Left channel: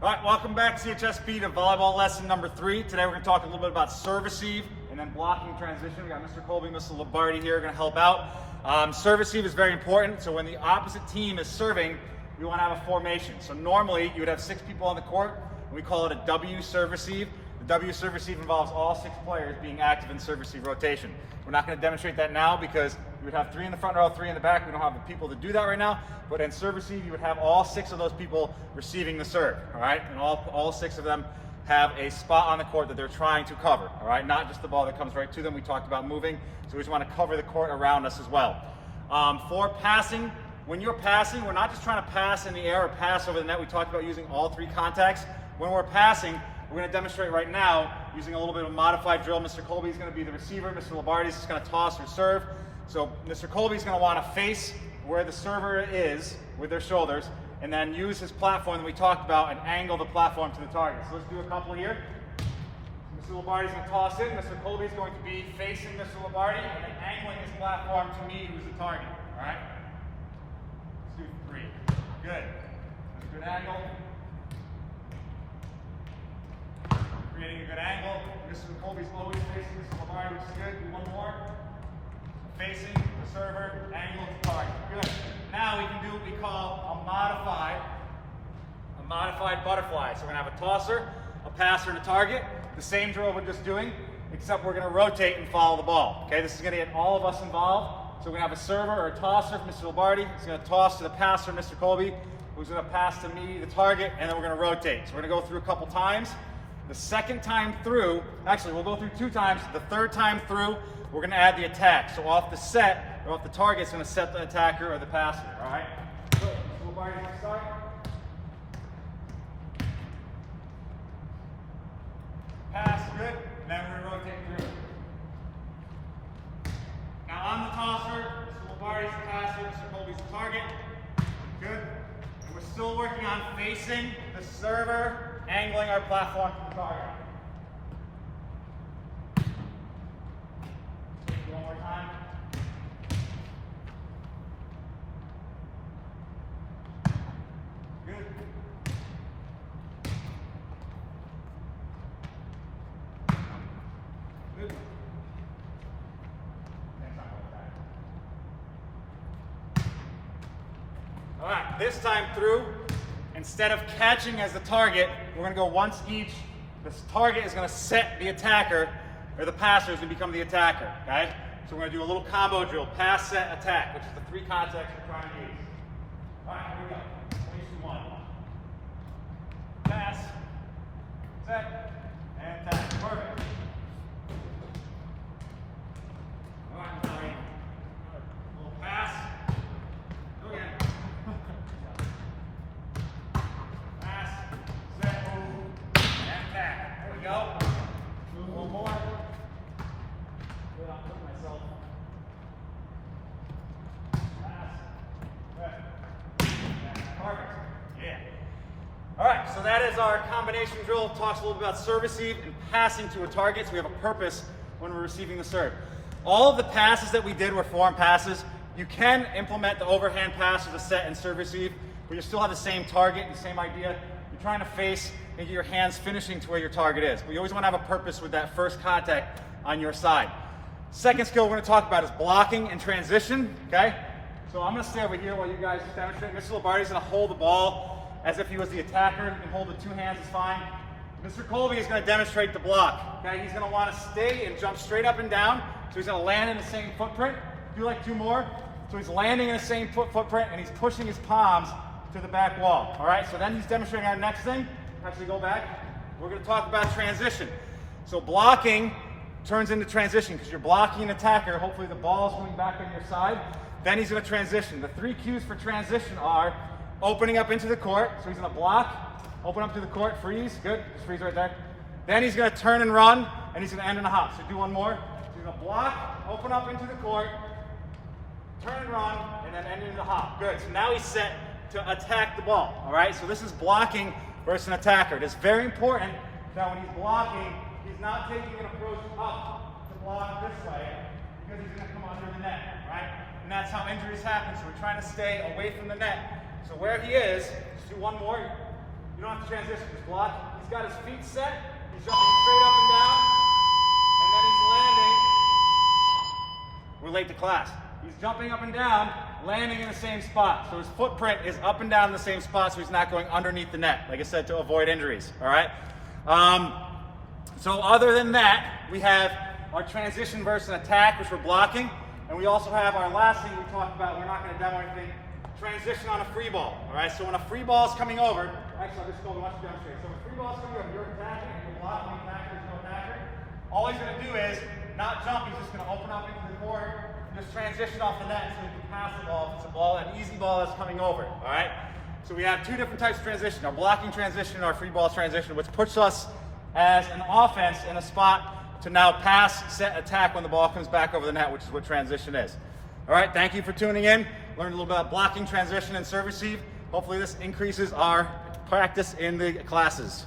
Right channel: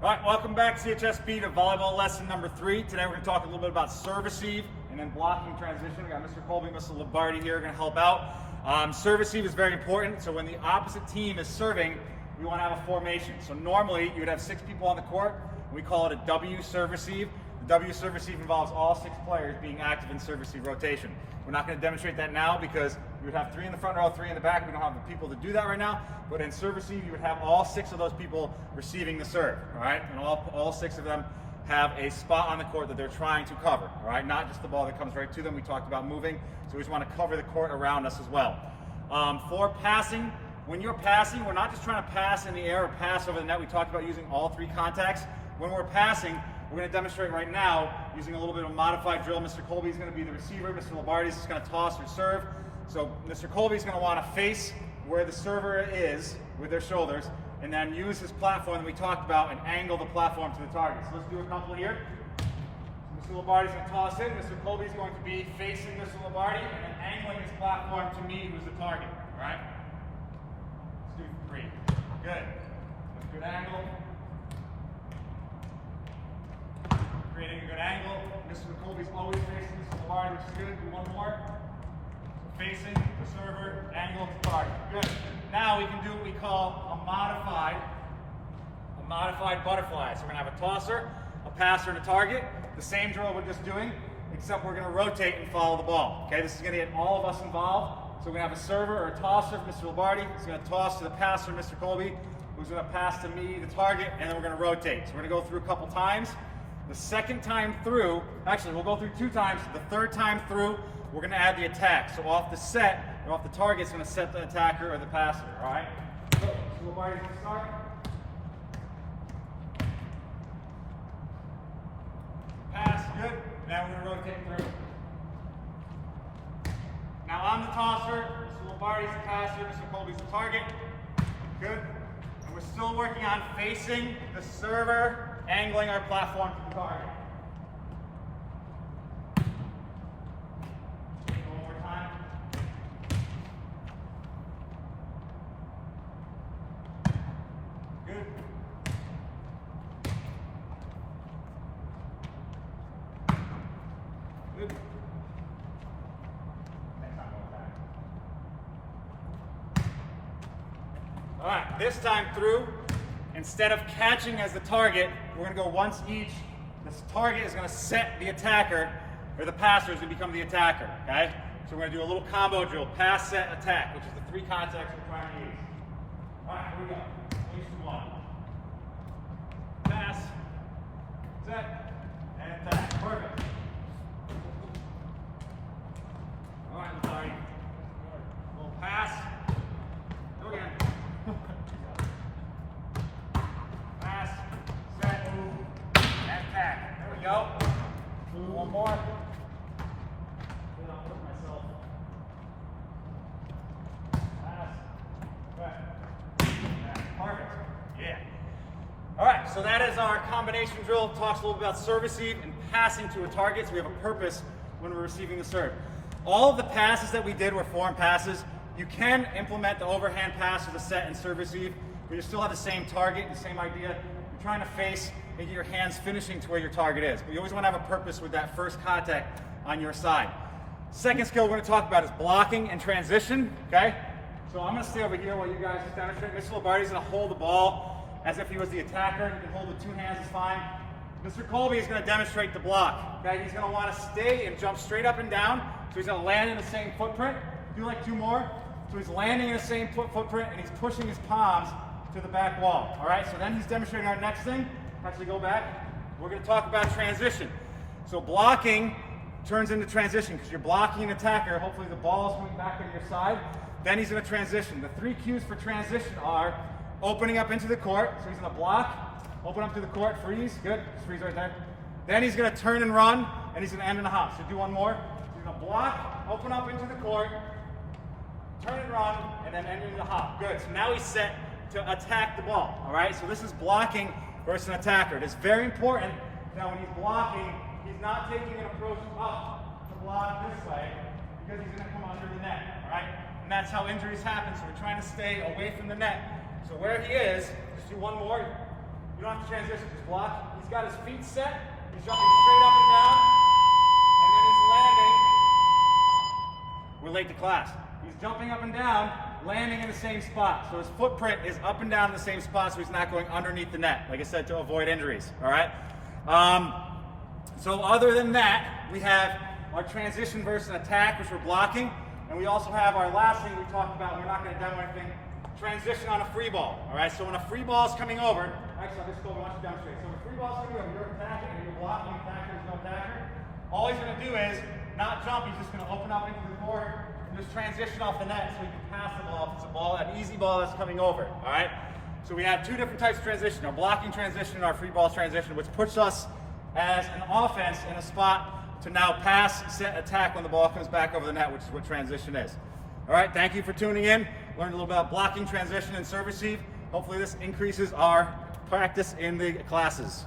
All right, welcome back CHSP to volleyball lesson number 3. Today we're going to talk a little bit about serve receive and then blocking transition. We got Mr. Colby, Mr. Lombardi here going to help out. Serve receive is very important. So when the opposite team is serving, we want to have a formation. So normally you would have 6 people on the court. We call it a W serve receive. The W serve receive involves all 6 players being active in serve receive rotation. We're not going to demonstrate that now because you would have 3 in the front row, 3 in the back. We don't have the people to do that right now. But in serve receive, you would have all 6 of those people receiving the serve, all right? And all 6 of them have a spot on the court that they're trying to cover, all right? Not just the ball that comes right to them. We talked about moving, so we just want to cover the court around us as well. For passing, when you're passing, we're not just trying to pass in the air or pass over the net. We talked about using all 3 contacts. When we're passing, we're going to demonstrate right now using a little bit of a modified drill. Mr. Colby is going to be the receiver. Mr. Lombardi is just going to toss or serve. So Mr. Colby is going to want to face where the server is with their shoulders and then use his platform that we talked about and angle the platform to the target. So let's do a couple here. Mr. Lombardi is going to toss in. Mr. Colby is going to be facing Mr. Lombardi and then angling his platform to me, who's the target. All right? Let's do 3. Good. That's a good angle. Creating a good angle. Mr. Colby's always facing Mr. Lombardi, which is good. Do one more. Facing the server, angle to target. Good. Now we can do what we call a modified butterfly. So we're going to have a tosser, a passer, and a target. The same drill we're just doing, except we're going to rotate and follow the ball. Okay, this is going to get all of us involved. So we're going to have a server or a tosser, Mr. Lombardi. He's going to toss to the passer, Mr. Colby, who's going to pass to me, the target, and then we're going to rotate. So we're going to go through a couple times. The second time through, actually we'll go through 2 times. The third time through, we're going to add the attack. So off the set, or off the target, it's going to set the attacker or the passer, all right? So, Mr. Lombardi, start. Pass, good. Now we're going to rotate through. Now on the tosser, Mr. Lombardi's the passer, Mr. Colby's the target. Good. And we're still working on facing the server, angling our platform to the target. One more time. Good. Good. Next time, all right, this time through, instead of catching as the target, we're going to go once each. This target is going to set the attacker, or the passer is going to become the attacker, okay? So we're going to do a little combo drill, pass, set, attack, which is the 3 contacts we're trying to use. All right, here we go. 3, 2, 1. Pass, set, and attack. Perfect. All right, Lombardi. A little pass. Go again. Pass, set, move, and attack. There we go. One more. Without putting myself. Pass. Set. Perfect. Yeah. All right, so that is our combination drill. Talks a little bit about serve receive and passing to a target, so we have a purpose when we're receiving the serve. All of the passes that we did were form passes. You can implement the overhand pass with a set and serve receive, but you still have the same target, the same idea. You're trying to face and get your hands finishing to where your target is. But you always want to have a purpose with that first contact on your side. Second skill we're going to talk about is blocking and transition, okay? So I'm going to stay over here while you guys just demonstrate. Mr. Lombardi is going to hold the ball as if he was the attacker. You can hold with 2 hands, it's fine. Mr. Colby is going to demonstrate the block, okay? He's going to want to stay and jump straight up and down. So he's going to land in the same footprint. Do like 2 more. So he's landing in the same footprint and he's pushing his palms to the back wall, all right? So then he's demonstrating our next thing. Actually, go back. We're going to talk about transition. So blocking turns into transition because you're blocking an attacker. Hopefully the ball is coming back on your side. Then he's going to transition. The 3 cues for transition are opening up into the court. So he's going to block, open up to the court, freeze. Good. Just freeze right there. Then he's going to turn and run, and he's going to end in a hop. So do one more. So he's going to block, open up into the court, turn and run, and then end in a hop. Good. So now he's set to attack the ball. All right. So this is blocking versus an attacker. It is very important that when he's blocking, he's not taking an approach up to block this way because he's going to come under the net, all right? And that's how injuries happen, so we're trying to stay away from the net. So where he is, just do one more. You don't have to transition, just block. He's got his feet set, he's jumping straight up and down, and then he's landing. We're late to class. He's jumping up and down, landing in the same spot. So his footprint is up and down in the same spot, so he's not going underneath the net, like I said, to avoid injuries, all right? So other than that, we have our transition versus an attack, which we're blocking, and we also have our last thing we talked about, we're not going to demo anything, transition on a free ball, all right? So when a free ball is coming over, actually I'll just go watch you demonstrate. So when a free ball is coming over, you're attacking and you're blocking, attacker, there's no attacker. All he's going to do is not jump, he's just going to open up into the court and just transition off the net so he can pass the ball if it's a ball, an easy ball that's coming over, all right? So we have two different types of transition, our blocking transition and our free ball transition, which puts us as an offense in a spot to now pass, set, attack when the ball comes back over the net, which is what transition is. All right, thank you for tuning in. Learned a little bit about blocking, transition, and serve receive. Hopefully this increases our practice in the classes.